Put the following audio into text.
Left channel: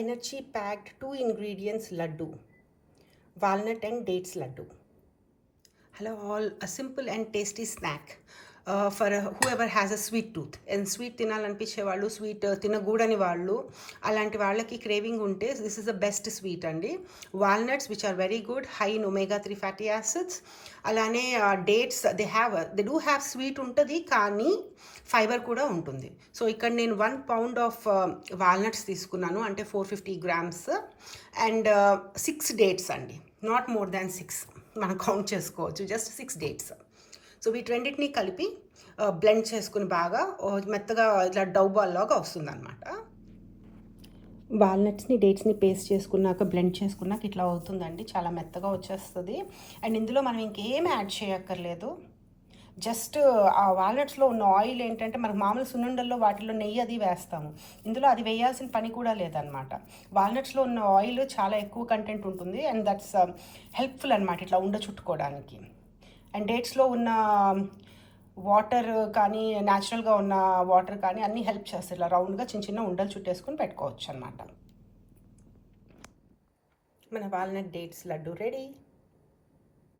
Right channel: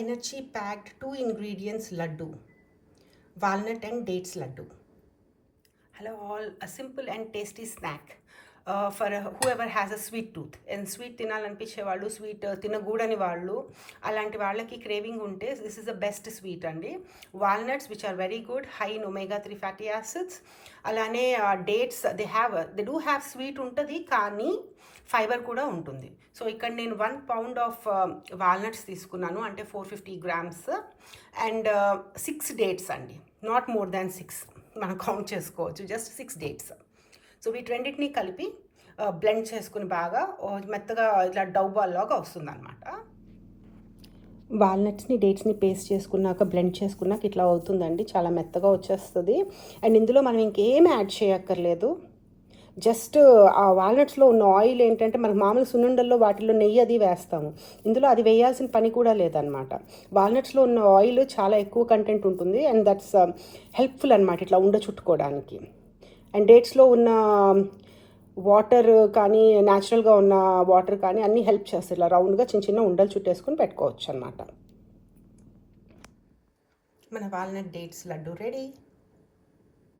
energy packed 2 ingredients laddu, walnut and dates laddu. Hello all, a simple and tasty snack for whoever has a sweet tooth. And sweet తినాలనిపించే వాళ్ళు, sweet తినకూడని వాళ్ళు, అలాంటి వాళ్ళకి craving ఉంటే this is the best sweet అండి. Walnuts which are very good, high in omega 3 fatty acids. అలానే dates they do have sweet ఉంటుంది కానీ fibre కూడా ఉంటుంది. సో ఇక్కడ నేను 1 pound ఆఫ్ వాల్నట్స్ తీసుకున్నాను, అంటే 450 grams, అండ్ 6 డేట్స్ అండి, నాట్ మోర్ దాన్ 6 మనం కౌంట్ చేసుకోవచ్చు, జస్ట్ 6 డేట్స్. సో వీటన్నిటిని కలిపి బ్లెండ్ చేసుకుని బాగా మెత్తగా ఇట్లా డౌ బాల్ లాగా వస్తుంది అనమాట. వాల్నట్స్ని డేట్స్ని పేస్ట్ చేసుకున్నాక బ్లెండ్ చేసుకున్నాక ఇట్లా అవుతుందండి, చాలా మెత్తగా వచ్చేస్తుంది. అండ్ ఇందులో మనం ఇంకేం యాడ్ చేయక్కర్లేదు, జస్ట్ ఆ వాల్నట్స్లో ఉన్న ఆయిల్ ఏంటంటే మనకు మామూలు సున్నుండల్లో వాటిల్లో నెయ్యి అది వేస్తాము, ఇందులో అది వేయాల్సిన పని కూడా లేదనమాట. వాల్నట్స్లో ఉన్న ఆయిల్ చాలా ఎక్కువ కంటెంట్ ఉంటుంది అండ్ దట్స్ హెల్ప్ఫుల్ అనమాట ఇట్లా ఉండ చుట్టుకోవడానికి. అండ్ డేట్స్లో ఉన్న వాటర్ కానీ న్యాచురల్గా ఉన్న వాటర్ కానీ అన్నీ హెల్ప్ చేస్తాయి. ఇలా రౌండ్గా చిన్న చిన్న ఉండలు చుట్టేసుకుని పెట్టుకోవచ్చు అనమాట. మన వాల్నట్ డేట్స్ లడ్డు రెడీ.